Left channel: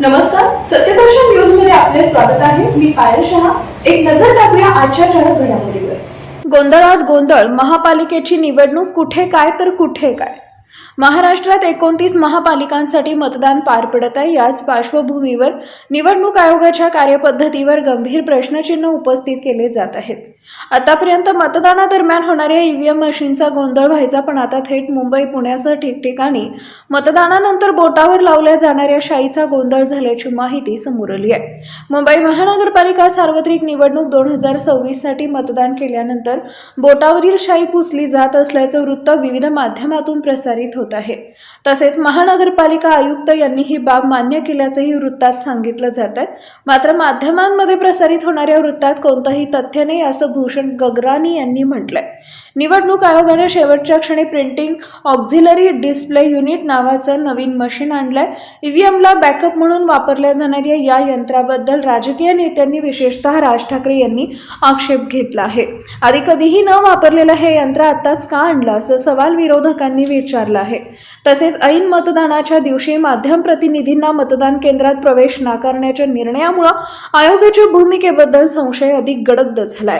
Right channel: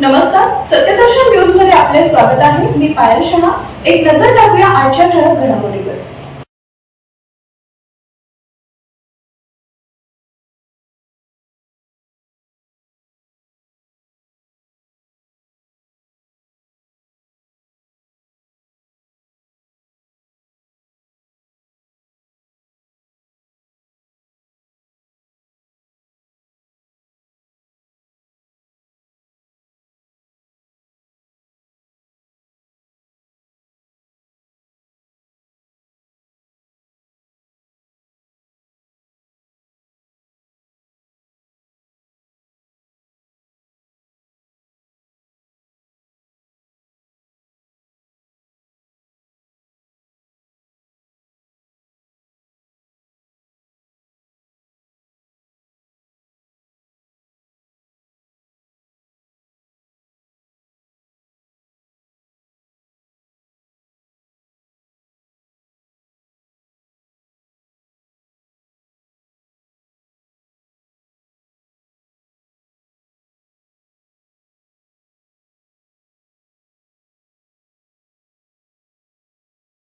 नमस्कार, सत्यदर्शन न्यूज मध्ये आपले स्वागत आहे. मी पायल शहा. एक नजर टाकूया आजच्या ठळक घडामोडीवर. गोंधळात गोंधळ, महापालिकेची निवडणूक कुठे काय तर कुठे काय. महाराष्ट्रात 29 महापालिकांसाठी मतदान पार पडत आहे. याच पार्श्वभूमीवर निवडणूक आयोगाच्या कार्यपद्धतीवर गंभीर प्रश्नचिन्ह उपस्थित केले जात आहेत. आतापर्यंत मतदानादरम्यान होणाऱ्या ईव्हीएम मशीनचा गोंधळ व्हायचा, पण आता थेट मुंबई, पुण्यासह ठिकठिकाणी मतदानानंतर बोटावर लावल्या जाणाऱ्या शाईचा गोंधळ झाल्याची माहिती समोर आली आहे. मुंबई महानगरपालिका सार्वत्रिक निवडणूक 2026 साठी मतदान केल्यानंतर बोटावरील शाई पुसली जात असल्याचं वृत्त विविध माध्यमातून प्रसारित होत आहे. तसेच महानगरपालिका आयुक्त यांनी ही बाब मान्य केल्याचंही वृत्तात सांगितलं जात आहे. मात्र माध्यमांमध्ये प्रसारित होणाऱ्या वृत्तात कोणतंही तथ्य नाही, असं भूषण गगरानी यांनी म्हटलंय. निवडणूक आयोगाने शेवटच्या क्षणी प्रिंटिंग ऑक्झिलरी डिस्प्ले युनिट नावाचं नवीन मशीन आणलंय. ईव्हीएमला बॅकअप म्हणून वापरल्या जाणाऱ्या या यंत्राबद्दल राजकीय नेत्यांनी, विशेषतः राज ठाकरे यांनी आक्षेप घेतला आहे. आधी कधीही न वापरलेलं हे यंत्र आताच का आणलं, असं सवाल विरोधकांनी विचारला आहे. तसेच ऐन मतदानाच्या दिवशी माध्यम प्रतिनिधींना मतदान केंद्रात प्रवेश नाकारण्याच्या निर्णयामुळे आयोगाच्या भूमिकेबद्दल संशय अधिक गडद झालाय.